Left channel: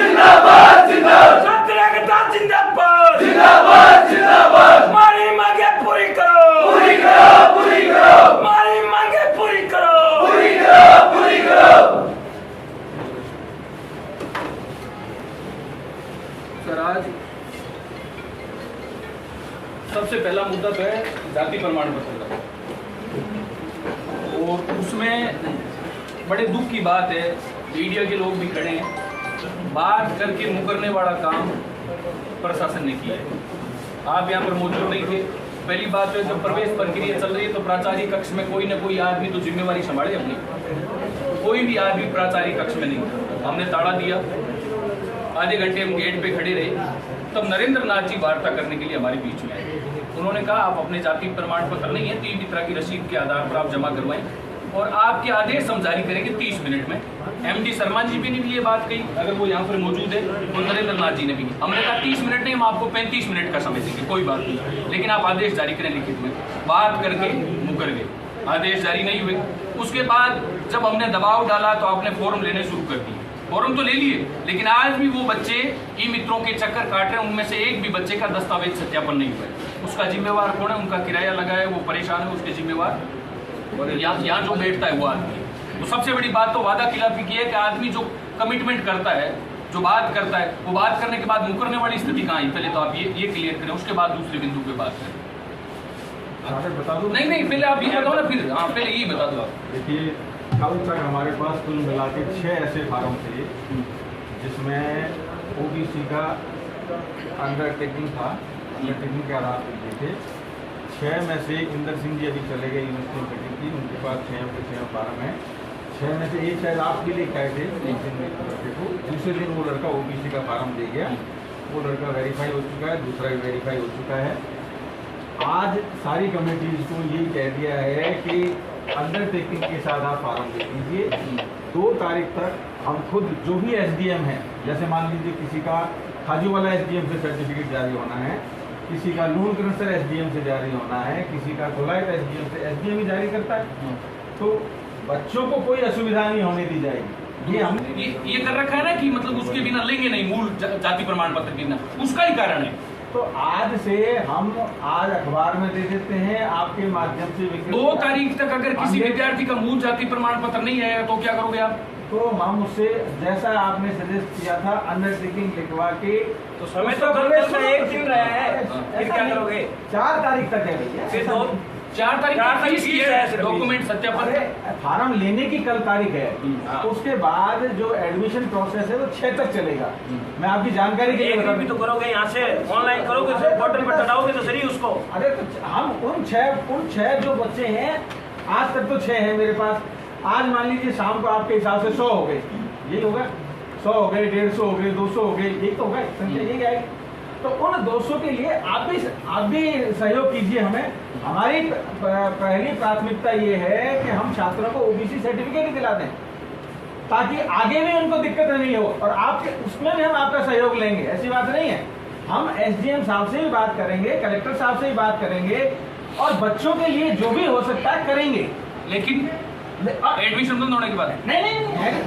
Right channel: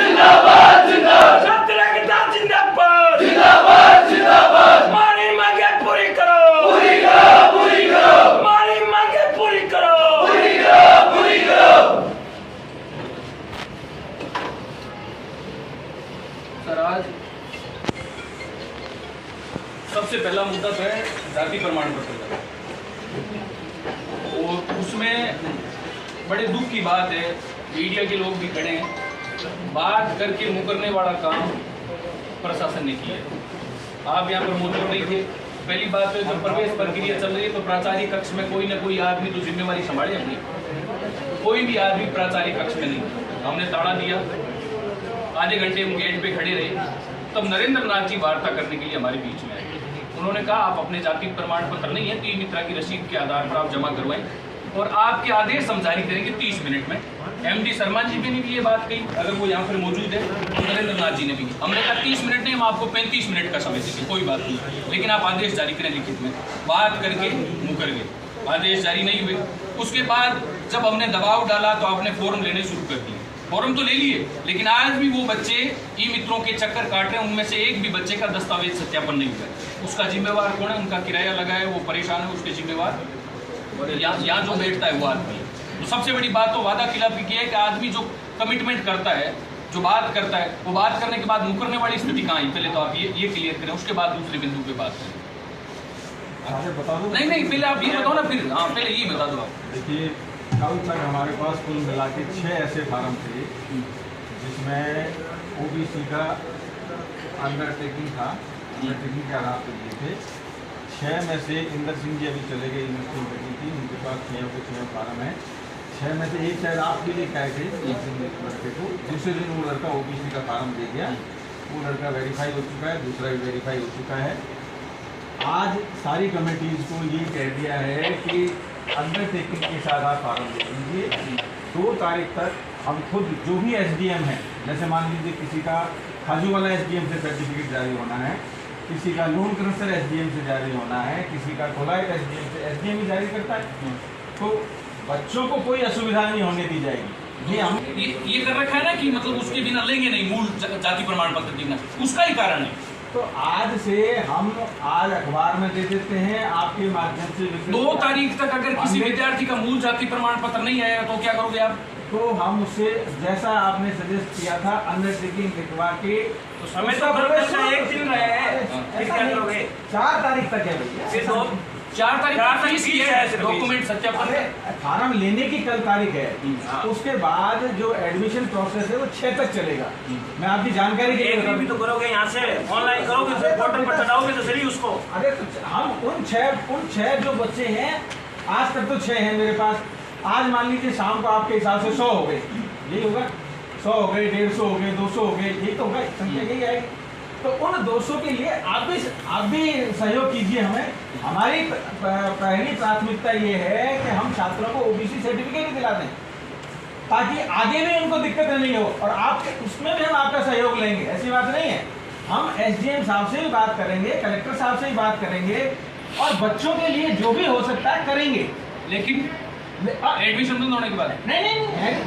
जिंदाबाद जिंदाबाद छात्र एकता जिंदाबाद जिंदाबाद जिंदाबाद हमारी मांगे पूरी करो पूरी करो पूरी करो हमारी मांगे पूरी करो पूरी करो पूरी करो। सर आज सबसे पहला मुद्दा तो है जाति प्रमाण पत्र का, और उसमें बड़े दुख की बात है, मीडिया के लोग भी खड़े हैं, बात करके मुकरने वाला काम प्रशासन ने किया है। आप यहाँ पर मौजूद नहीं थे। पहली बात है, जब प्रवेश प्रक्रिया चल रही है तो प्राचार्य कक्ष में कोई ना कोई आदमी तो जिम्मेवारी संभाले अपनी। कोई भी आदमी प्राचार्य कक्ष में नहीं। हमने ताला दिया, आधे घंटे हम गेट पे खड़े रहे, तब नरेंद्र नाथ जी वार्ता करने के लिए हमारे बीच में आए। उन्होंने कहा आप अपने जाति प्रमाण पत्र नहीं है तो मित्रा की रसीद के आधार पर आप जमा करवाएं और आपके आदेश हम जारी करेंगे 30 मिनट में। एमडी शर्मा जी भी ने भी ये बात कही, अगर वो यहाँ पर मौजूद है, और नरेंद्र नाथ जी ने भी। हमने कहा 30 मिनट नहीं, हम आपको 35 मिनट का समय देंगे, कोई बात नहीं, लेकिन आप आदेश जारी करें लिखित में। बात करके मुकर गए, आदेश जारी नहीं हुए। उसके बाद जब हमने दबाव डाला तो आपने फॉर्म लेने शुरू कर दिए। फॉर्म तो ले लिए, लेकिन आज भी वो बच्चे ई मित्रों के चक्कर काट रहे हैं। उनमें से एक भी बच्चे का दस्तावेज सत्यापन नहीं हुआ है। उसका जिम्मेवार कौन है? उनका किराया लगा है, वो परेशान है, उसके जिम्मेवार यहाँ जो बैठता है वो आदमी है। तो सबसे बड़ी बात तो वादा खिलाफी की है कि आदमी जो कमिटमेंट करता है, जो बात करता है, वो बात करने के बाद मुकरने वाली स्थिति कहाँ है? पहले तो आप ये क्लियर करें, उसके बाद दूसरे बिंदु पे बात करें। बता दो। नहीं, पहले आप ये बताओ ना, फिर हाँ पहले यही बता दो आप। देखिए, कल तक हमारे पास कुल मिला के 6 ऐसे फार्म थे जिसमें ओबीसी का अंडरटेकिंग था, अंडरटेकिंग के आधार पर दिए थे। 6 में से इंदर सिंह जी अभी चले गए, यूनिवर्सिटी मीटिंग थी, उनके पास 6 के 6 फार्म है। 6 में से एक शायद आपके लिए आए थे, एक दिन लड़के को, दूसरे दिन वो लड़का ओबीसी का फार्म दे गया, वो लड़का वेरीफाई हो चुका है, दूसरा भी वेरीफाई हो चुका है। आज सारी कमेटीज को ये कह दिया है कि अंडरटेकिंग के साथ आप फार्म दे दीजिए। 2 तारीख तक हम खुद जो भी एसडीएम है, जैसे मान लीजिए किसी का खाजू वाला एसडीएम से सर्टिफिकेट जारी होना है, किसी का लोन क्रशर एसडीएम से जारी होना है, किसी का कोलाइट एसडीएम से, एसडीएम ही जारी करता है, तो बच्चों को कोई असुविधा नहीं होने दी जाएगी। ये हम ये कर रखा है ना कि मतलब उसके बिना लेंगे नहीं, मूल जाति प्रमाण पत्र के बिना, उसका ही कारण है। तो आज से हम आज अखबार में दे देते हैं आपके माध्यम से। 2 तारीख तक अगर किसी विद्यार्थी का मूल जाति प्रमाण पत्र नहीं आएगा तो क्या करोगे आप? तो हम उससे, जैसा आपने सजेस्ट किया था, अंडरटेकिंग लिखवा के, तो समय तो प्रवेश में 1 दिन रहे हैं, फिर क्या करोगे? 4 तारीख तक है भैया। 4 तारीख डॉक्यूमेंट सत्यापन, फार्म लेने की कल तारीख है। उसके बाद जो एडमिशन प्रोसेस है वो 6 तक चलेगा। मैं आपकी जानकारी के लिए बता दूं, तो करोगे यहाँ से ऑनलाइन करोगे, फिर पोर्टल पर चढ़ाओगे तो सही उसको। अरे तो हम उन 6 जो बच्चे हैं, आज तक तो 6 हैं मेरे पास। आज मान लीजिए शाम को आपके हिसाब से 100 हो गए, यही होगा, 100 हो गए, 150 हो गए, 200 हो गए, यही तो होगा, संख्या यही आएगी। तो उन 200 के लिए आप भी सहयोग कीजिए हमें। हमारी पहली प्राथमिकता ये है कि हम छात्रों को ओबीसी सर्टिफिकेट दिला दें, ताकि आगे भी उनको दिक्कत नहीं हो, और आपके उसमें भी हम आपका सहयोग लेंगे, ऐसी बात नहीं है। हम एसडीएम साहब से भी बात करेंगे, कलेक्टर साहब से भी बात करेंगे, और बच्चों के लिए जो भी हो सकता है करेंगे। लेकिन एडमिशन बंद होने के बाद नहीं,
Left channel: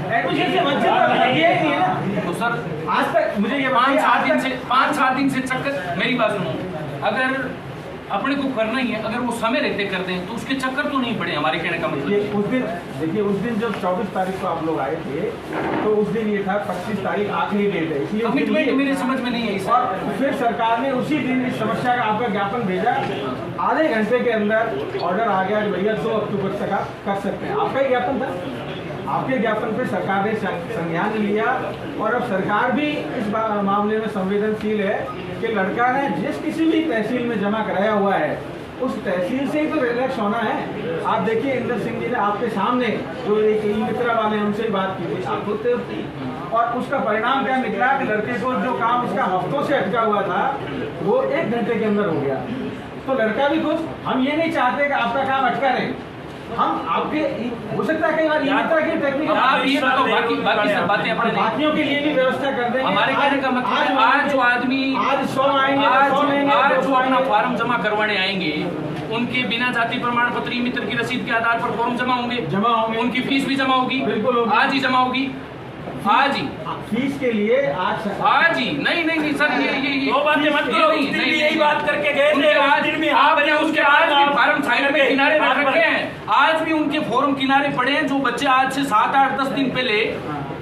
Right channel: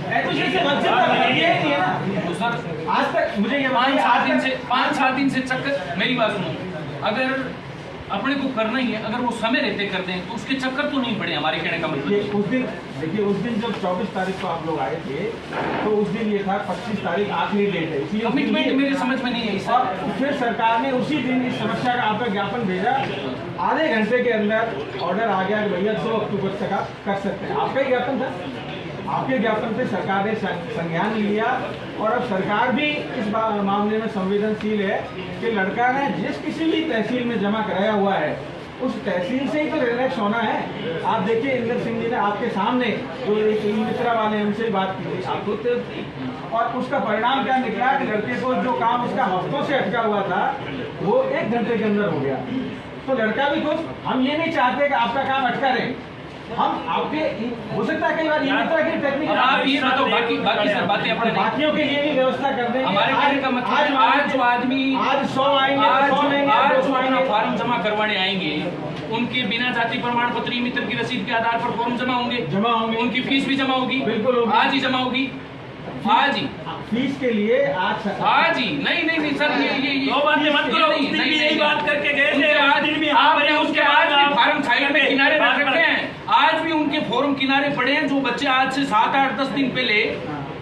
एडमिशन से वंचित नहीं है ना। तो सर आज तक मुझे ये 5-7 दिन से चक्कर, मेरी बात सुनो, अगर अपने को करना ही है, अगर वो समय रहते कर दें तो उसके चक्कर तो नहीं पड़े, हमारे कहने का मतलब। उस दिन जब 24 तारीख को आप लोग आए थे, तो उस दिन ये था 25 तारीख आखिरी डेट है, इसलिए कमिटमेंट मेरी समझ में नहीं आई। और फिर सरकार ने उसी दिन इस समस्या का आपका ज्ञापन भेजा, आधे घंटे के अंदर ऑर्डर आ गया कि भैया 2 अक्टूबर तक आप कर सकते हैं। आपका ही ज्ञापन था, आपके ज्ञापन पे सरकार ने संज्ञान लिया, और अब सरकार भी इस मामले में संवेदनशील है कि लड़का ने जिस किसी भी तहसील में जमा कराया हुआ है, उस तहसील से ही तो रिलैक्स होना है। आप देखिए, इंदर सिंह जी ने आपके सामने जो एक ई मित्रा वाले उनसे बात की थी, आप खुद थे, और उसका परिणाम क्या निकला कि लड़के को जो काम उसका हफ्तों से अटका हुआ था वो 1 घंटे के अंदर हो गया। तो लड़का भी खुश। हम ये नहीं चाहते कि आपका काम अटका रहे, हम आपके हो सकता है कई बार की टेक्निक, आप ये बताओ, बाकी सब बातें अपने बाकियों के लिए भी व्यवस्था कर देंगे। हमारे कहने का मतलब आज जो आदमी आज 100 आएंगे, आज जो अपना फार्म जमा करवाने आएंगे, उनके बिना जाति प्रमाण पत्र मित्र की रसीद के आधार पर फॉर्म जमा होंगे, जमा होंगे, उनकी फीस भी जमा होगी, बिल्कुल आज ही जमा होगी, आज ही। फीस के लिए आज ही नहीं सर, ये दो बातें मत करो। उस दिन भी यही बात करके गए थे, उस दिन भी आपने उसके बाद फार्म साइड में किनारे रख रखे हैं। आज भी उनके फॉर्म किनारे पड़े हैं। जो बच्चे आज से 7, 8, 10 दिन पहले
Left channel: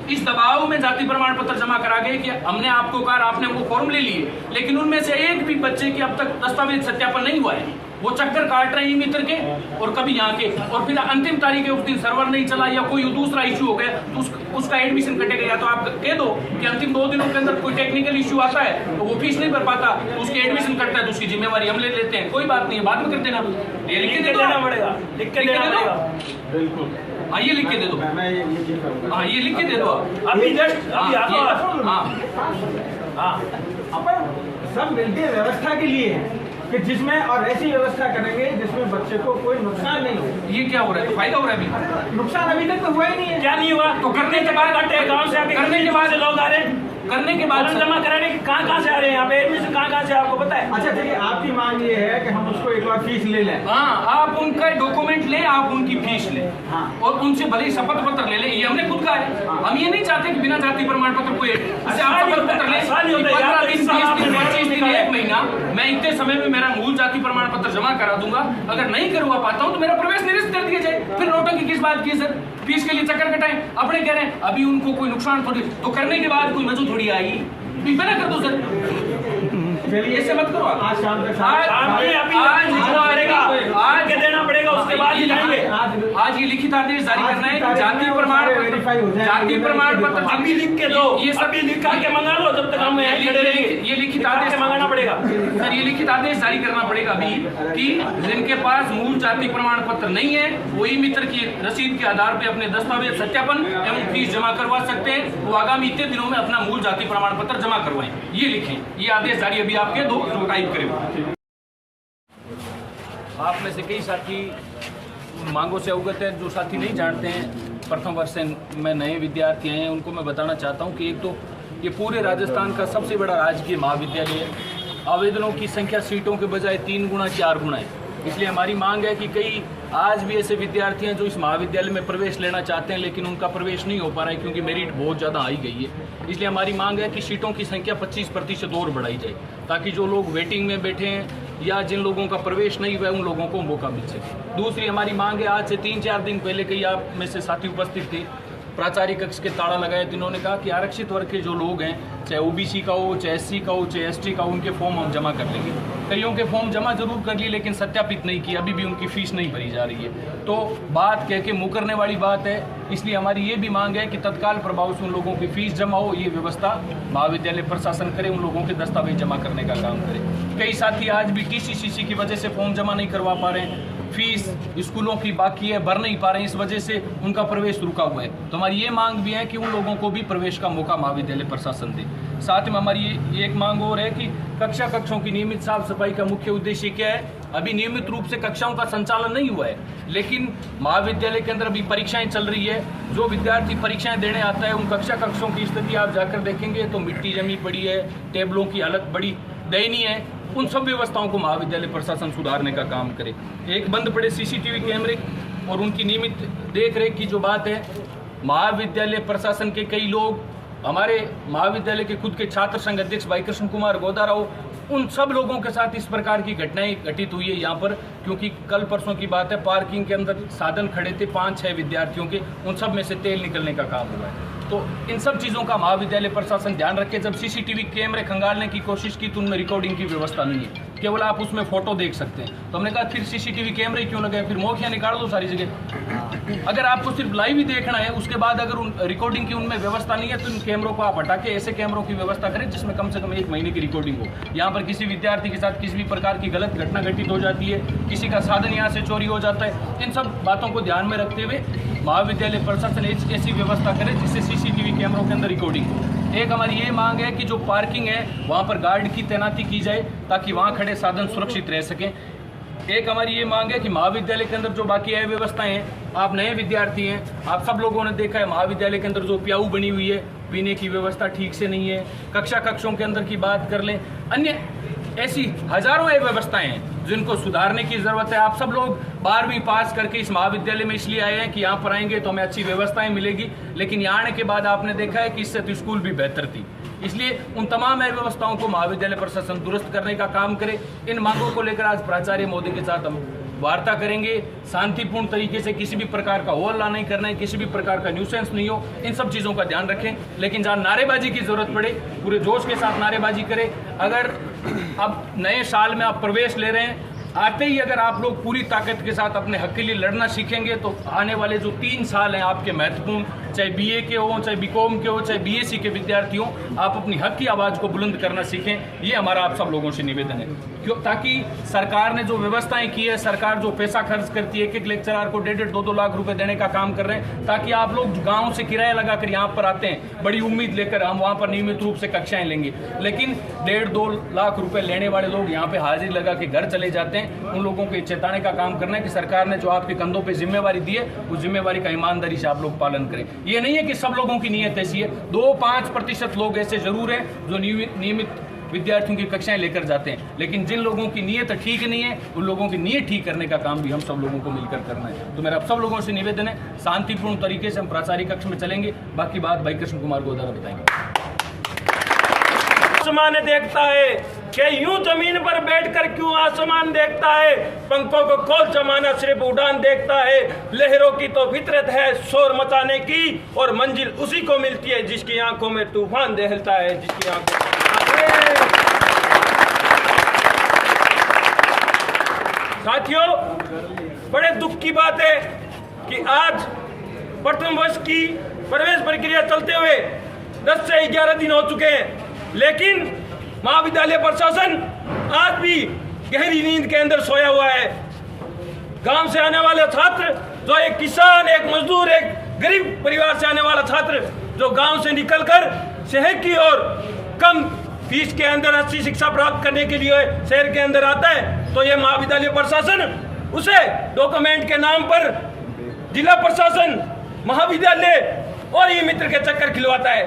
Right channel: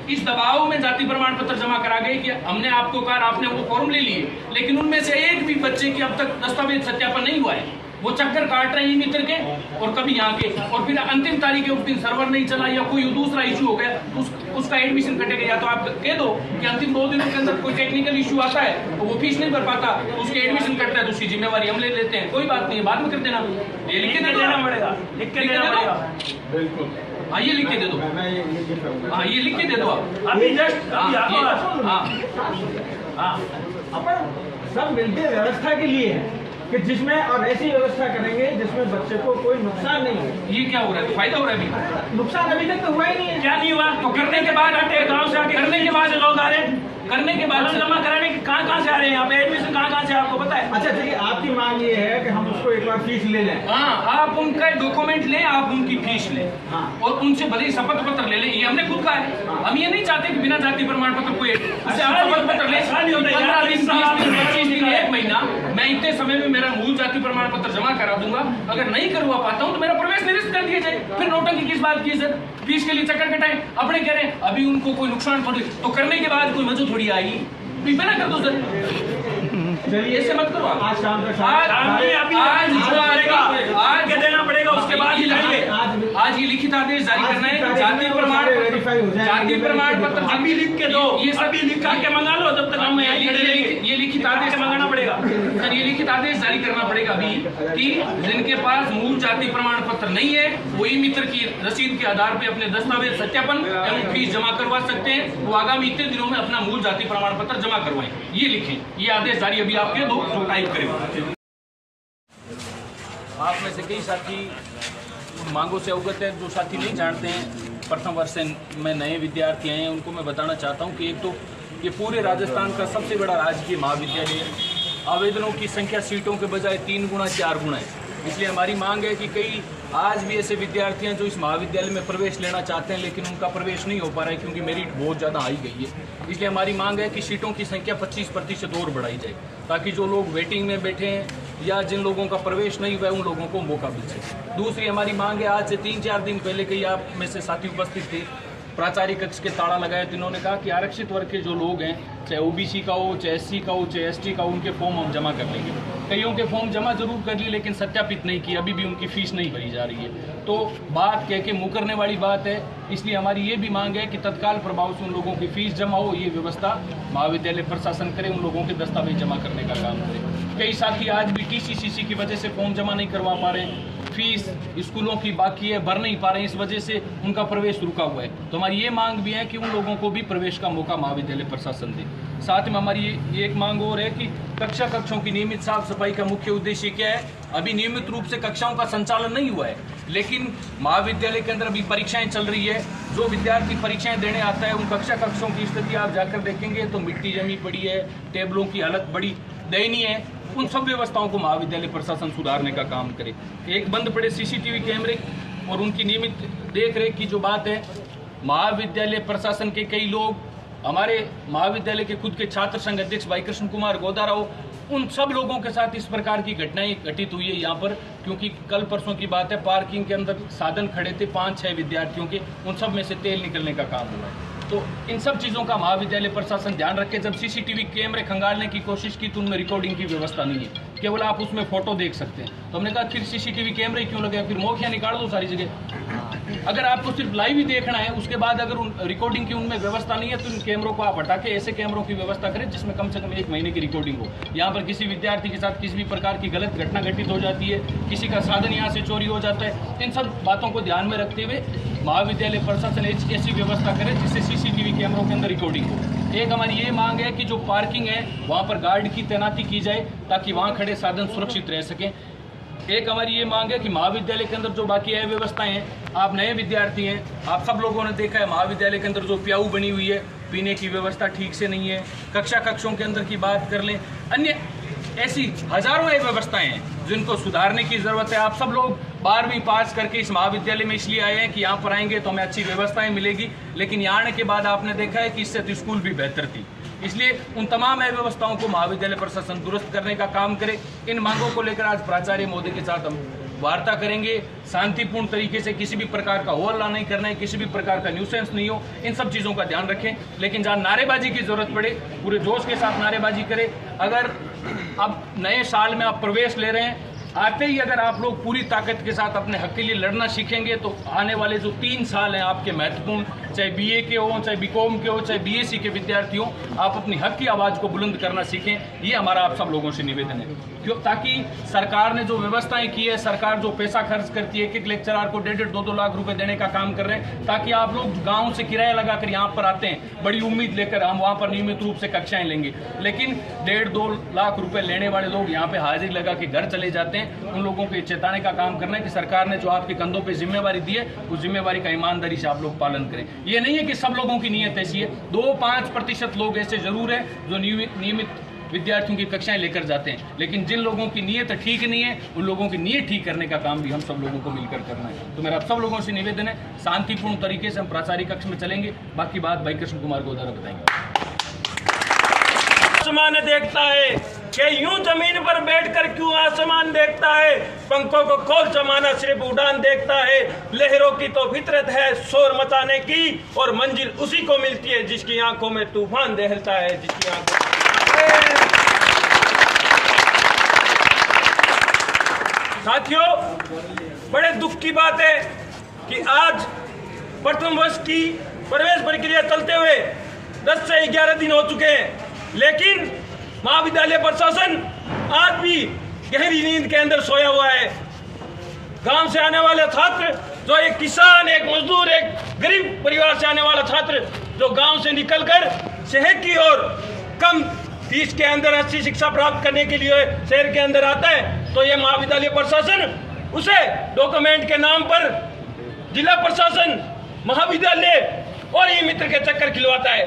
इस दबाव में जाति प्रमाण पत्र जमा करा गए कि हमने आपको कहा, आपने वो फॉर्म ले लिए, लेकिन उनमें से एक भी बच्चे की अब तक दस्तावेज सत्यापन नहीं हुआ है। वो चक्कर काट रहे हैं मित्र के और कभी यहाँ के, और फिर अंतिम तारीख है उस दिन सर्वर नहीं चला या कोई दूसरा इश्यू हो गया तो उसका एडमिशन कटेगा। या तो आप कह दो कि अंतिम 2 दिनों के अंदर कोई टेक्निकल इश्यू आता है तो वो फीस नहीं भर पाता, उसकी एडमिशन कटता है तो उसकी जिम्मेवारी हम ले लेते हैं। कोई बात नहीं है, बाद में कर देना। ये लिख के दे दो, लिख के देना पड़ेगा। बिल्कुल, हाँ ये लिख के दे दो, मैं ये करूँगा। हाँ ये लिख के दे दो आप। अभी जस्ट हाँ अपन सब मिलकर व्यवस्था के लिए है कि जिसमें, और ऐसी व्यवस्था करेंगे जिसमें बच्चे को कोई नुकसान नहीं हो। ये क्या हो रहा है? तो फायदा हो रहा है अभी? नुकसान अभी तक तो हुआ ही नहीं है। क्या नहीं हुआ? तो करने के बाद गाँव से आके करने के बाद लोग आ रहे हैं, करने के बाद जमा कराने के कहाँ से आ रहे हैं यहाँ पे, एडमिशन कहाँ से आपको पता है? अच्छा चलिए, आपकी मांग ये है कि हम उसको एक बार फीस ले लें। हाँ, आप उनका डॉक्यूमेंट लें, आप उनकी फीस लें। हाँ। और उनसे भले ही शपथ पत्र ले लें। ये हमने खुद कहा है। हाँ। हम ये नहीं चाहते कि बिना जाति प्रमाण पत्र कोई, उससे आप शपथ पत्र लें। आसानी होता है, 15 दिन, 20 दिन, 25 दिन, दिखा है। 1 महीना मैं इतने समय में मेरा मूल जाति प्रमाण पत्र जमा करा दूंगा। अगर नहीं करवा पाता हूँ तो मेरा प्रवेश निरस्त कर दिया जाए। फिर नोटंकी किस बात की सर? फीस के लिए चक्कर कटाएं। अपने कह रहे हैं अभी उनको कोई नुकसान थोड़ी, तो करने के बाद कोई मजू थोड़ी आई, बिना कर दो सर। चलिए ऐसे मत करो। आज शाम तक आज के देना पड़ेगा, उसके बाद ही लाएंगे। आज ये लिखित आदेश जारी करना है कि जाति प्रमाण पत्र अभी लिख के दो, ये सभी लिख करके मंगा लो, जब तक हम यहाँ खड़े रहेंगे। ये लिखित आदेश मंगाना पड़ेगा सर। ये लिखित आदेश जारी करना पड़ेगा अभी कि जिनके पास मूल जाति प्रमाण पत्र नहीं है वही मित्र की रसीद के आधार पे अपने दस्तावेज सत्यापन एवं फीस जमा करवा सकते हैं। वो आगामी इतने दिनों में अपना मूल जाति प्रमाण पत्र जमा करवाएं। ये लिखें, ये आदेश जारी अभी आपके दो जो टाइप करें। आप में से कई साथी उन मांगों से अवगत हैं। जो साथी नहीं जानते हैं, प्रथम वर्ष में नए विद्यार्थी हैं, उनको मैं बताना चाहता हूं कि एक तो ये पूरे राजस्थान का सबसे बड़ा राजकीय महाविद्यालय है। आवेदनों की संख्या सीटों के बजाय 3 गुना 4 गुना है। इसलिए हमारी मांग है कि कई आज भी ऐसे विद्यार्थी हैं जो इस महाविद्यालय में प्रवेश लेना चाहते हैं लेकिन उनका प्रवेश नहीं हो पा रहा है क्योंकि मेरिट बहुत ज़्यादा आई गई है। इसलिए हमारी मांग है कि सीटों की संख्या 25% और बढ़ाई जाए ताकि जो लोग वेटिंग में बैठे हैं या जिन लोगों का प्रवेश नहीं हुआ है उन लोगों को मौका मिल सके। दूसरी हमारी मांग है, आज से 3-4 दिन पहले कई आप में से साथी उपस्थित थे, प्राचार्य कक्ष के ताला लगाए तो इन्होंने कहा कि आरक्षित वर्ग के जो लोग हैं, चाहे ओबीसी का हो, चाहे एससी का हो, चाहे एसटी का हो, उनके फॉर्म हम जमा कर देंगे। कईयों के फॉर्म जमा जरूर कर लिए लेकिन सत्यापित नहीं किए, अभी भी उनकी फीस नहीं भरी जा रही है। तो बात कह के मुकरने वाली बात है। इसलिए हमारी ये भी मांग है कि तत्काल प्रभाव से उन लोगों की फीस जमा हो, ये व्यवस्था महाविद्यालय प्रशासन करे, उन लोगों के दस्तावेज जमा करने का काम करे। कई साथी आज भी टीसीसीसी की वजह से फॉर्म जमा नहीं करवा पा रहे हैं, फीस स्कूलों की बाकी है, भर नहीं पा रहे हैं, इस वजह से उनका प्रवेश रुका हुआ है। तो हमारी ये मांग भी है कि उन लोगों को भी प्रवेश का मौका महाविद्यालय प्रशासन दे। साथ में हमारी ये एक मांग और है कि कक्षों की नियमित साफ सफाई का मुख्य उद्देश्य क्या है? अभी नियमित रूप से कक्षाओं का संचालन नहीं हुआ है लेकिन महाविद्यालय के अंदर अभी परीक्षाएं चल रही है। जो विद्यार्थी परीक्षाएं देने आता है उन कक्षों की स्थिति आप जाकर देखेंगे तो मिट्टी जमी पड़ी है, टेबलों की हालत बड़ी दयनीय है। उन सब व्यवस्थाओं को महाविद्यालय प्रशासन सुधारने का काम करे। एक बंद पड़े सीसीटीवी कैमरे और उनकी नियमित देख रेख की जो बात है, महाविद्यालय प्रशासन के कई लोग, हमारे महाविद्यालय के खुद के छात्र संघ अध्यक्ष भाई कृष्ण कुमार गोदाराव, उन सब लोगों के साथ इस प्रकार की घटनाएं घटित हुई है यहाँ पर। क्योंकि कल परसों की बात है, पार्किंग के अंदर साधन खड़े थे 5-6 विद्यार्थियों के, उन सब में से तेल निकलने का काम हुआ है। तो इन सब चीज़ों का महाविद्यालय प्रशासन ध्यान रखे। जब सीसीटीवी कैमरे खंगालने की कोशिश की तो उनमें रिकॉर्डिंग की व्यवस्था नहीं है, केवल आप उसमें फोटो देख सकते हैं। तो हमने कहा फिर सीसीटीवी कैमरे क्यों लगे, फिर मौखियाँ निकाल दो सारी जगह। अगर आपको सिर्फ लाइव ही देखना है, उसके बाद अगर उन रिकॉर्डिंग की उनमें व्यवस्था नहीं है तो इन कैमरों को आप हटा के ऐसे कैमरों की व्यवस्था करें जिसमें कम से कम 1 महीने की रिकॉर्डिंग हो। यहाँ पर किसी विद्यार्थी के साथ किसी भी प्रकार की गलत घटना घटित हो जाती है, किसी का साधन यहाँ से चोरी हो जाता है, इन सब बातों को ध्यान में रखते हुए महाविद्यालय प्रशासन ऐसी व्यवस्था करे जिससे सीसीटीवी कैमरों के अंदर रिकॉर्डिंग हो। एक हमारी ये मांग है कि जो पार्किंग है वहाँ पर गार्ड की तैनाती की जाए ताकि वहाँ खड़े साधन सुरक्षित रह सकें। एक हमारी ये मांग है कि महाविद्यालय के अंदर जो बाकी है व्यवस्थाएं हैं, आप नए विद्यार्थी हैं, आप सब लोगों ने देखा है महाविद्यालय के अंदर जो प्याऊ बनी हुई है, पीने की व्यवस्था ठीक से नहीं है। कक्षों के अंदर की बात कर लें, अन्य ऐसी हजारों व्यवस्थाएं हैं जिनको सुधारने की जरूरत है। आप सब लोग 12वीं पास करके इस महाविद्यालय में इसलिए आए हैं कि यहाँ पर आएंगे तो हमें अच्छी व्यवस्थाएं मिलेगी, लेकिन यहाँ आने के बाद आपने देखा है कि इससे तो स्कूल भी बेहतर थी। इसलिए उन तमाम व्यवस्थाओं को महाविद्यालय प्रशासन दुरुस्त करने का काम करे। इन मांगों को लेकर आज प्राचार्य महोदय के साथ हम वार्ता करेंगे। शांतिपूर्ण तरीके से किसी भी प्रकार का हो हल्ला नहीं करना है, किसी भी प्रकार का न्यूसेंस नहीं हो, इन सब चीज़ों का ध्यान रखें। लेकिन जहाँ नारेबाजी की जरूरत पड़े पूरे जोश के साथ नारेबाजी करें। अगर अब नए साल में आप प्रवेश ले रहे हैं, आते ही अगर आप लोग पूरी ताकत के साथ अपने हक के लिए लड़ना सीखेंगे तो आने वाले जो 3 साल हैं आपके महत्वपूर्ण, चाहे बीए के हो, चाहे बीकॉम के हो, चाहे बीएससी के विद्यार्थी हो, आप अपनी हक की आवाज़ को बुलंद करना सीखें। ये हमारा आप सब लोगों से निवेदन है, क्यों ताकि सरकार ने जो व्यवस्थाएं की है, सरकार जो पैसा खर्च करती है, एक लेक्चरार को 1.5 2 लाख रुपए देने का काम कर रहे हैं, ताकि आप लोग गाँव से किराया लगाकर यहाँ पर आते हैं बड़ी उम्मीद लेकर हम वहाँ पर नियमित रूप से कक्षाएं लेंगे, लेकिन 1.5 2 लाख रुपए लेने वाले लोग यहाँ पे हाजिरी लगा के घर चले जाते हैं। उन लोगों को चेताने का काम करना है कि सरकार ने जो आपके कंधों पे जिम्मेवारी दी है, उस जिम्मेवारी का ईमानदारी से आप लोग पालन करें। ये नहीं है कि सब लोगों की नीयत ऐसी है, 2-5% लोग ऐसे जरूर हैं जो नियमित विद्यार्थियों की कक्षाएं लेकर जाते हैं, लेकिन जिन लोगों की नीयत ठीक नहीं है, उन लोगों की नीयत ठीक करने का काम भी हम सब लोगों को मिलकर करना है। तो मेरा आप सब लोगों से निवेदन है, शांतिपूर्ण तरीके से हम प्राचार्य कक्ष में चलेंगे। बाकी बात भाई कृष्ण कुमार गोदारा बताएंगे। आसमान देखता है क्या यूं जमीन पर बैठकर क्यों आसमान देखता है, पंखों को खोल जमाना सिर्फ उड़ान देखता है, लहरों की तो फितरत है शोर मचाने की, और मंजिल उसी को मिलती है जिसकी आंखों में तूफान दहलता है, जिसकी आंखों साथियों, बड़े दुख की बात है कि आज प्रथम वर्ष की प्रवेश प्रक्रिया चलते हुए 10 से 11 दिन हो चुके हैं, लेकिन महाविद्यालय प्रशासन आज भी गहरी नींद के अंदर सोया हुआ है। गांव से आने वाले छात्र, जो एक किसान, एक मजदूर, एक गरीब परिवार से आने वाला छात्र जो गांव से निकलकर शहर की ओर कम फीस के अंदर अच्छी शिक्षा प्राप्त करने के लिए शहर के अंदर आता है, तो ये महाविद्यालय प्रशासन उसे डॉक्यूमेंट के नाम पर जिला प्रशासन, महाविद्यालय और ई मित्र के चक्कर खिलवाता है,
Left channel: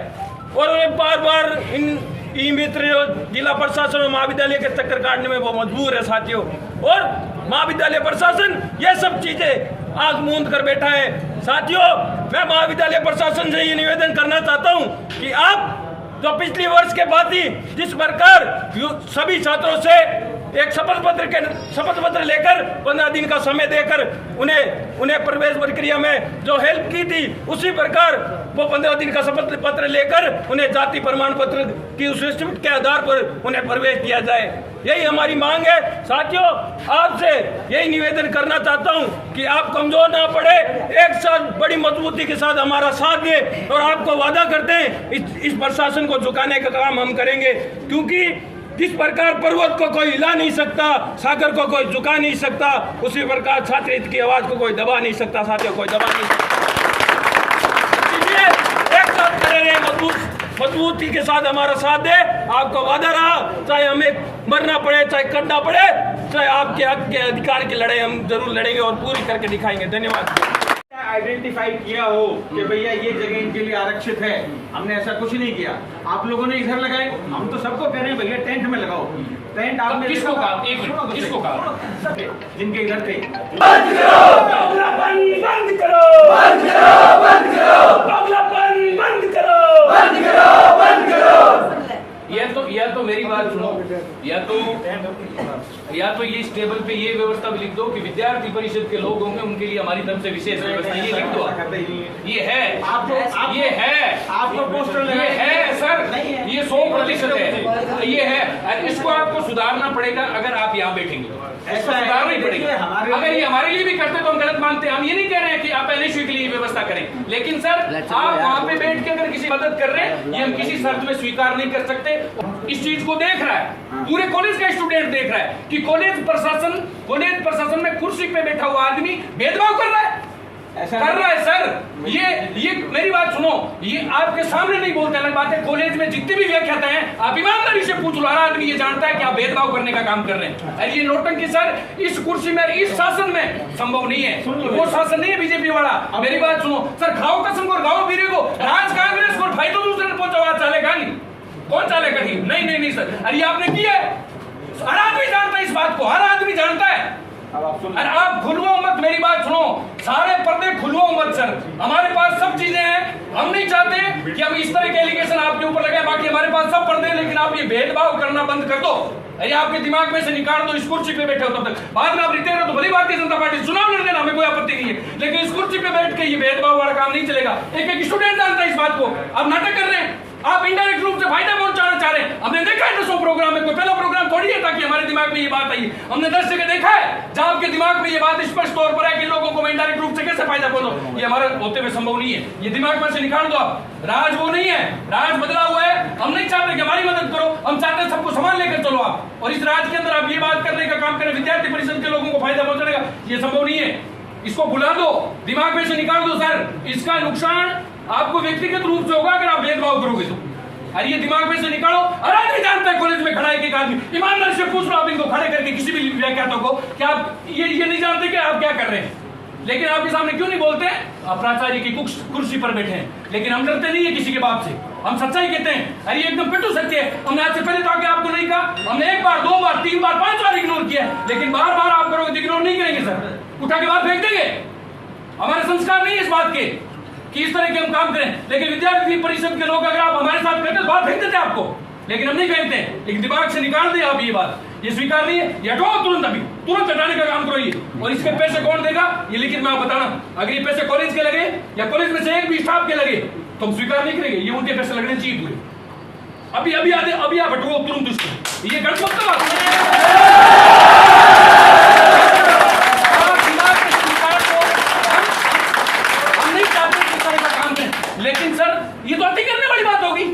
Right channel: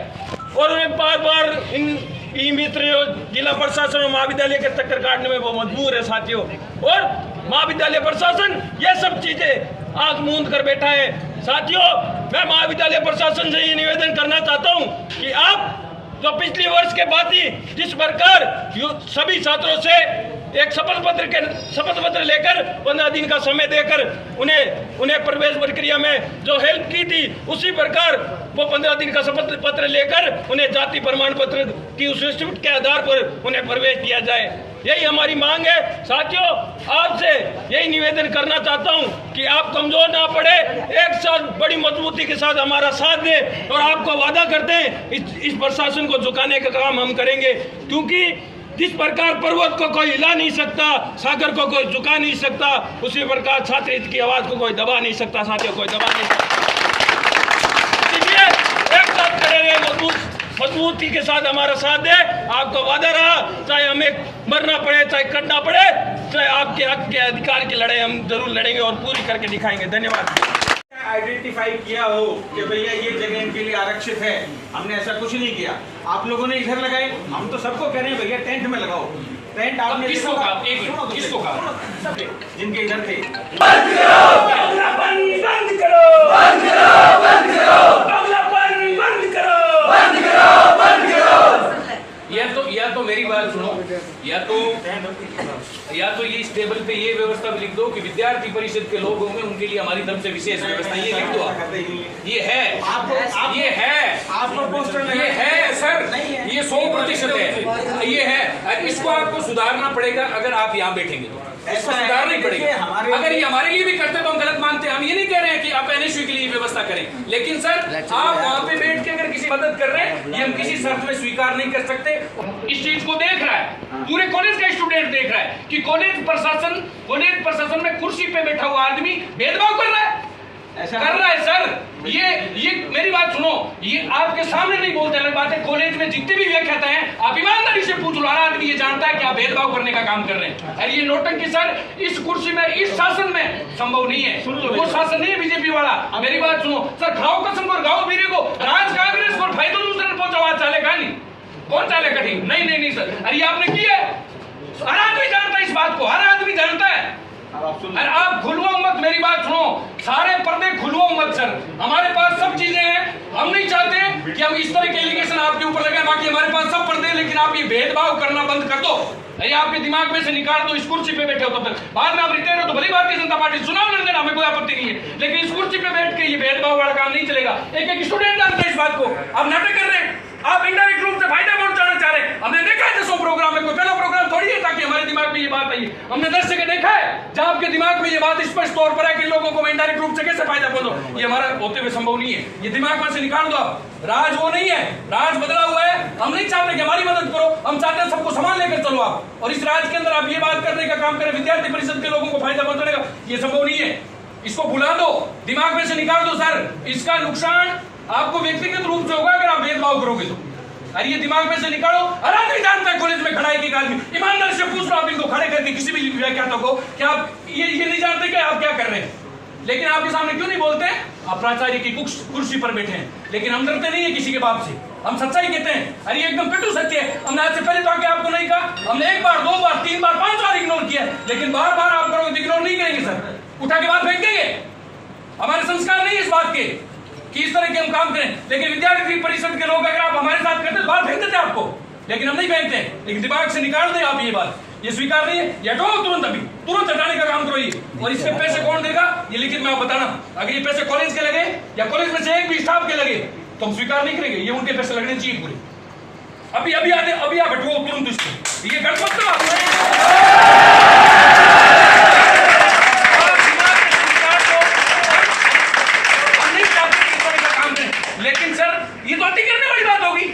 और उन्हें बार बार इन ई मित्र जिला प्रशासन और महाविद्यालय के चक्कर काटने में वो मजबूर है साथियों। और महाविद्यालय प्रशासन ये सब चीजें आंख मूंद कर बैठा है। साथियों, मैं महाविद्यालय प्रशासन से ये निवेदन करना चाहता हूँ कि आप जो पिछले वर्ष के बाद ही जिस प्रकार सभी छात्रों से एक शपथ पत्र लेकर 15 दिन का समय देकर उन्हें प्रवेश प्रक्रिया में जो हेल्प की थी, उसी प्रकार वो 15 दिन का शपथ पत्र लेकर उन्हें जाति प्रमाण पत्र की उस रिसिप्ट के आधार पर उन्हें प्रवेश दिया जाए। यही हमारी मांग है। साथियों, आपसे यही निवेदन करना चाहता हूं कि आप कमजोर ना पड़े, एक साथ बड़ी मजबूती के साथ हमारा साथ दें, और आपको वादा करते हैं इस प्रशासन को झुकाने का काम हम करेंगे, क्योंकि जिस प्रकार पर्वत को कोई हिला नहीं सकता, सागर को कोई झुका नहीं सकता, उसी प्रकार छात्र हित की आवाज को कोई दबा नहीं सकता। साथियों, कोई दबा नहीं सकता। इसलिए एक साथ खड़े रहे, मजबूती के साथ हमारा साथ दे। आपका वादा रहा, चाहे हमें मरना पड़े, चाहे करना पड़े, चाहे आपके हक के अधिकार की लड़ाई हम जरूर लड़ेंगे और पूरी करके दिखाएंगे। धन्यवाद। आइडेंटिफाई किया हो कि भैया ये जगह इनके लिए आरक्षित है, हमने ऐसा कुछ नहीं किया। आप लोगों ने इधर लगाए, हम तो सबको कह रहे हैं भैया टेंट में लगाओ। टेंट आपने किसको कहा? एक मिनट, किसको कहा? जिनके इधर थे। बंद करो, बंद करो, बंद करो, बंद करो, बंद करो, बंद करो, बंद करो। या तो मेरी बात सुनो, या तो ये इस टेबल पे ये व्यवस्था भी लिख दो कि विद्यार्थी परिषद के लोग होंगे, उनके लिए हमारी तरफ से विशेष व्यवस्था, ये लिख दो। ये है, ये है, आपको पोस्टर ये है सर, ये 100% है, ये है। इसको आपको सुधारना पड़ेगा अगर आप यहाँ बैठेंगे, इसको सुधारना ही पड़ेगा। अगर ये हमारे लिए भी करते तो हम गलत मानते हैं। हम ये नहीं कह रहे हैं कि आप एनएसयू के लिए व्यवस्था करें, लेकिन सर आप वहाँ पे बैठ के अगर किसी मदद कर रहे हैं, ये हम किसी शर्त में स्वीकार नहीं कर सकते। इस चीज को देख रहा है पूरे कॉलेज का स्टूडेंट, देख रहा है कि कॉलेज प्रशासन में कुर्सी पे बैठा हुआ आदमी भेदभाव कर रहा है सर। ये मेरी बात सुनो, ये आपके सामने नहीं बोलते अलग बात है, कॉलेज में जितने भी व्याख्याता हैं आप ईमानदारी से पूछ लो, हर आदमी ये जानता है कि आप भेदभाव करने का काम कर रहे हैं। और ये नोटंकी सर इस कुर्सी में, इस शासन में संभव नहीं है। वो शासन नहीं है बीजेपी वाला। मेरी बात सुनो सर, खाओ कसम और गाओ बीरे को, राज कांग्रेस को फायदा दूसरे ने पहुंचा, चलेगा नहीं, कौन चलेगा? नहीं सर, अरे आपने किया है, हर आदमी जानता है इस बात को, हर आदमी जानता है। अरे आप खुलवाओ मत, मेरी बात सुनो, सारे पर्दे खुलवाओ मत सर। हमारे पास सब चीजें हैं, हम नहीं चाहते कि हम इस तरह के एलिगेशन आपके ऊपर लगाए। बाकी हमारे पास सब पर्दे हैं, लेकिन आप ये भेदभाव करना बंद कर दो। ये आपके दिमाग में से निकाल दो। इस कुर्सी पे बैठे हो तब तक, बाद में आप रिटायर हो तो भली भारतीय जनता पार्टी चुनाव लड़ देना, हमें कोई आपत्ति नहीं है, लेकिन इस कुर्सी पे बैठ के ये भेदभाव वाला काम नहीं चलेगा। एक स्टूडेंट जानता है इस बात को, आप नाटक कर रहे हैं, आप इनडायरेक्ट रूप से फायदा पहुंचाना चाह रहे हैं। हमने देखा है 10 प्रोग्राम में, कोई पहला प्रोग्राम थोड़ी है ताकि हमारे दिमाग में ये बात आई। हमने 10 जगह देखा है जहां आपके दिमाग में ये बात स्पष्ट तौर पर है कि लोगों को मैं इनडायरेक्ट रूप से कैसे फायदा पहुंचाऊं। ये हमारा होते हुए संभव नहीं है, ये दिमाग में से निकाल दो आप। राज वो नहीं है, राज बदला हुआ है। हम नहीं चाहते कि हमारी मदद करो, हम चाहते हैं सबको सामान लेकर चलो आप, और इस राज के अंदर आप ये बात करने का काम करें विद्यार्थी परिषद के लोगों को फायदा पहुंचाने का, ये संभव नहीं है। इसको भुला दो, दिमाग में से निकाल दो सर। इसका नुकसान आपको व्यक्तिगत रूप से होगा अगर आप भेदभाव करोगे तो। अरे ये दिमाग में से निकालो। हर आदमी जानता है कॉलेज में खड़ा है एक आदमी, ईमानदारी से पूछ लो आप इनको खड़े करके किसी भी व्याख्याता को, क्या आप ये नहीं जानते कि आप क्या कर रहे हैं? लेकिन आपके सामने क्यों नहीं बोलते? आप प्राचार्य की कुर्सी पर बैठे हैं, लेकिन हम डरते नहीं है किसी के बाप से, हम सच्चाई कहते हैं। अरे ये एकदम पिटू सत्य है। हमने आज से पहले तो आके आपको नहीं कहा, हमने 1 बार 2 बार 3 बार 5 बार इग्नोर किया, लेकिन बार बार आप करोगे, इग्नोर नहीं करेंगे सर, उठा के बात फेंक देंगे। हमारे संस्कार नहीं है इस बात के कि इस तरह के हम काम करें। लेकिन विद्यार्थी परिषद के लोग अगर आप हमारे साथ कहते तो बात फेंक देते आपको, लेकिन हम नहीं कहते। लेकिन दिमाग से निकाल दे आप ये बात, ये स्वीकार नहीं है, ये हटाओ तुरंत, अभी तुरंत हटाने का काम करो ये। और इसके पैसे कौन देगा ये लिखित में आप बताना। अगर ये पैसे कॉलेज के लगे या कॉलेज में से एक भी स्टाफ के लगे तो हम स्वीकार नहीं करेंगे, ये उनके पैसे लगने चाहिए पूरे। अभी आते, अभी आप हटो तुरंत उसको, ये गड़बड़ लेकिन सर ये तो अति करने वाली बात होगी,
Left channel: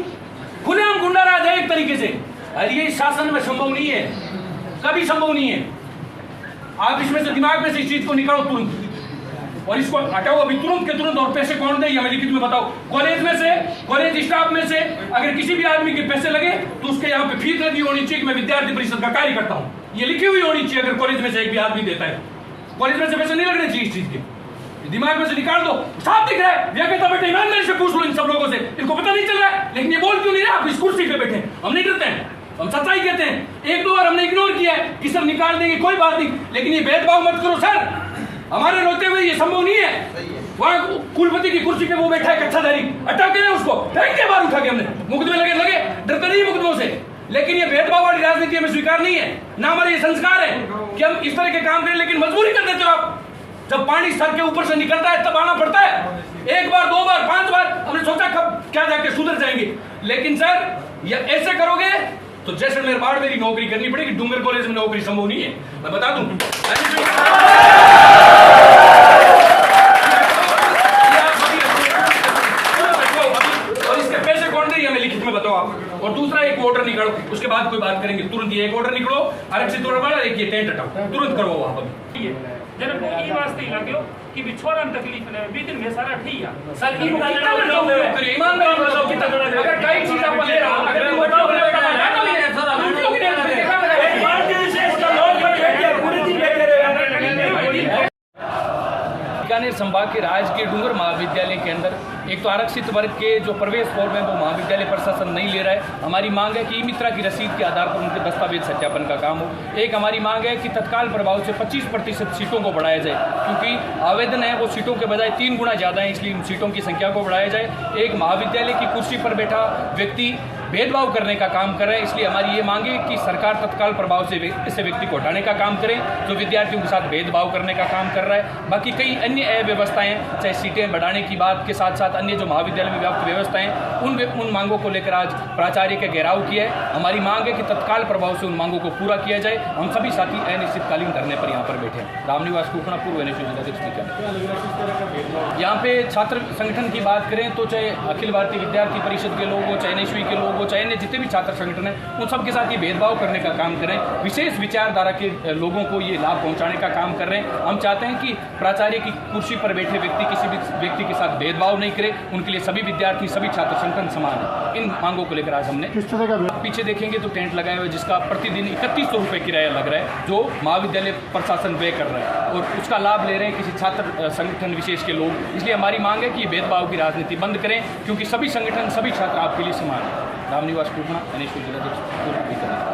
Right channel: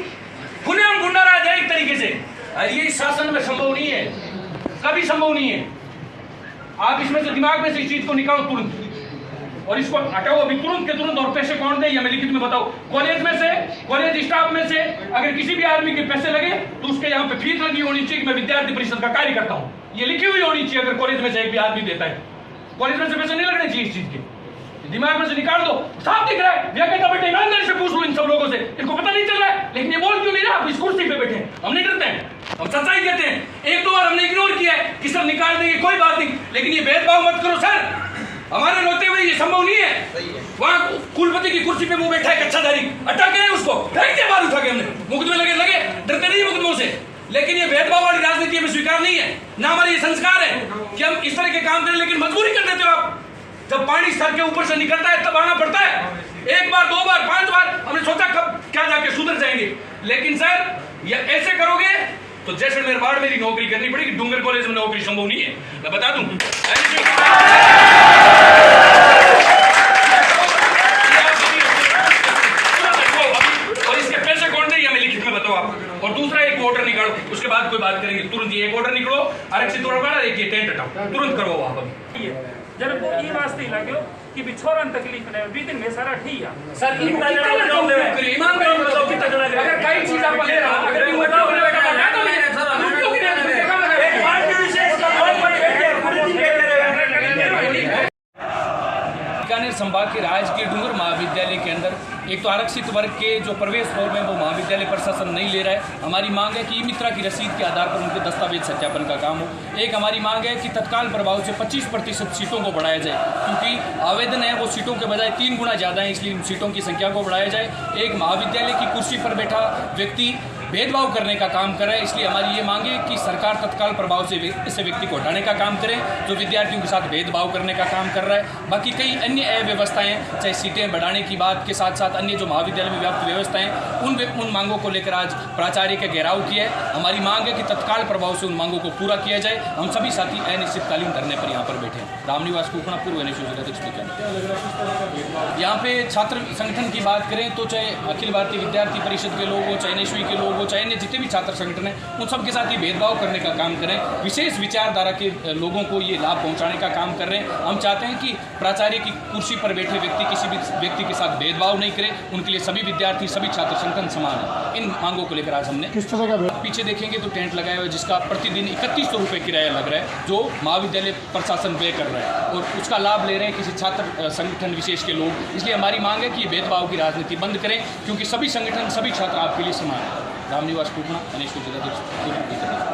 खुलेआम गुंडाराज है एक तरीके से। अरे ये इस शासन में संभव नहीं है, कभी संभव नहीं है। आप इसमें से दिमाग में से इस चीज को निकालो तुरंत और इसको हटाओ अभी तुरंत के तुरंत। और पैसे कौन दे ये हमें लिखित में बताओ। कॉलेज में से, कॉलेज स्टाफ में से अगर किसी भी आदमी के पैसे लगे तो उसके यहाँ पे फीस लगी होनी चाहिए कि मैं विद्यार्थी परिषद का कार्य करता हूँ, ये लिखी हुई होनी चाहिए। अगर कॉलेज में से एक भी आदमी देता है, कॉलेज में से पैसे नहीं लगने चाहिए इस चीज के, दिमाग में से निकाल दो। साफ दिख रहा है, कहता बेटे ईमानदारी से पूछ लो इन सब लोगों से, इनको पता नहीं चल रहा है, लेकिन ये बोल क्यों नहीं रहा? आप इस कुर्सी पे बैठे, हम नहीं डरते हैं, हम सच्चाई कहते हैं। 1-2 बार हमने इग्नोर किया है कि सब निकाल देंगे, कोई बात नहीं, लेकिन ये भेदभाव मत करो सर। हमारे रोते हुए ये संभव नहीं है। वहां कुलपति की कुर्सी पे वो बैठा है कच्छाधारी, अटक गए उसको, फेंक दिया बाहर उठा के हमने, मुकदमे लगे, डरते नहीं मुकदमों से। लेकिन ये भेदभाव वाली राजनीति हमें स्वीकार नहीं है, ना हमारे ये संस्कार है कि हम इस तरह के काम करें। लेकिन मजबूरी कर देते हो आप, जब पानी सर के ऊपर से निकलता है तब आना पड़ता है। 1 बार 2 बार 5 बार हमने सोचा कब क्या जाके सुधर जाएंगे, लेकिन सर ये ऐसे करोगे तो जैसलमेर बाढ़ मेरी नौकरी करनी पड़ेगी। डूंगर कॉलेज में नौकरी संभव नहीं है, मैं बता दूं। और इसके पैसे कौन दे हमें लिखित में बताओ आप। और दूसरा एक ऑर्डर निकालो, उसके बाद कोई बात करेंगे। तुरंत ये एक ऑर्डर निकलो, आरक्षित ऑर्डर, एक ये टेंट हटाओ, तुरंत करो वहां पर। जन को ई वास्ते लाग्यो कि बिछोरन तकलीफ ने बीतिन में सारा ठीक है सर। ईमानदारी बताओ कितना, अगर कई चीज आप ले रहा अगर बताओ बीकानेर संभाग के राजकीय डूंगर महाविद्यालय के अंदर एक तो आरक्षित वर्ग के जो प्रवेश फॉर्म है वो महाविद्यालय प्रशासन नहीं ले रहा है। हमारी मांग है कि ई मित्रा की रसीद के आधार पर उनके दस्तावेज सत्यापन का काम हो। एक हमारी मांग है कि तत्काल प्रभाव से 25% सीटों को बढ़ाया जाए, क्योंकि आवेदन है वो सीटों के बजाय 3 गुना ज़्यादा है, इसलिए सीटों की संख्या को बढ़ाया जाए। एक महाविद्यालय की कुर्सी पर बैठा व्यक्ति भेदभाव करने का काम कर रहा है, इसलिए हमारी ये मांग है कि सरकार तत्काल प्रभाव से ऐसे व्यक्ति को हटाने का काम करे जो विद्यार्थियों के साथ भेदभाव करने का काम कर रहा है। बाकी कई अन्य अव्यवस्थाएं, चाहे सीटें बढ़ाने की बात के साथ साथ अन्य जो महाविद्यालय में व्याप्त व्यवस्थाएं, उन मांगों को लेकर आज प्राचार्य का घेराव किया है। हमारी मांग है कि तत्काल प्रभाव से उन मांगों को पूरा किया जाए। हम सभी साथी अनिश्चितकालीन धरने पर यहाँ पर बैठे हैं। रामनिवास कुखना, पूर्व NSU जिलाध्यक्ष बीकानेर। यहाँ पे छात्र संगठन की बात करें तो चाहे अखिल भारतीय विद्यार्थी परिषद के लोग हो, चाहे NSU के लोग हो, चाहे अन्य जितने भी छात्र संगठन हैं, उन सब के साथ ये भेदभाव करने का काम करें। विशेष विचारधारा के लोगों को ये लाभ पहुँचाने का काम कर रहे हैं। हम चाहते हैं कि प्राचार्य की कुर्सी पर बैठे व्यक्ति किसी भी व्यक्ति के साथ भेदभाव नहीं करे, उनके लिए सभी विद्यार्थी, सभी छात्र संगठन समान है। इन मांगों को लेकर आज हमने पीछे देखेंगे तो टेंट लगाया हुआ है, जिसका प्रतिदिन 3100 रुपये किराया लग रहा है, जो महाविद्यालय प्रशासन व्यय कर रहा है, और उसका लाभ ले रहे हैं किसी छात्र संगठन विशेष के लोग। इसलिए हमारी मांग है कि भेदभाव की राजनीति बंद करें, क्योंकि सभी संगठन, सभी छात्र आपके लिए समान है। रामनिवास कुखना, NSU जिलाध्यक्ष।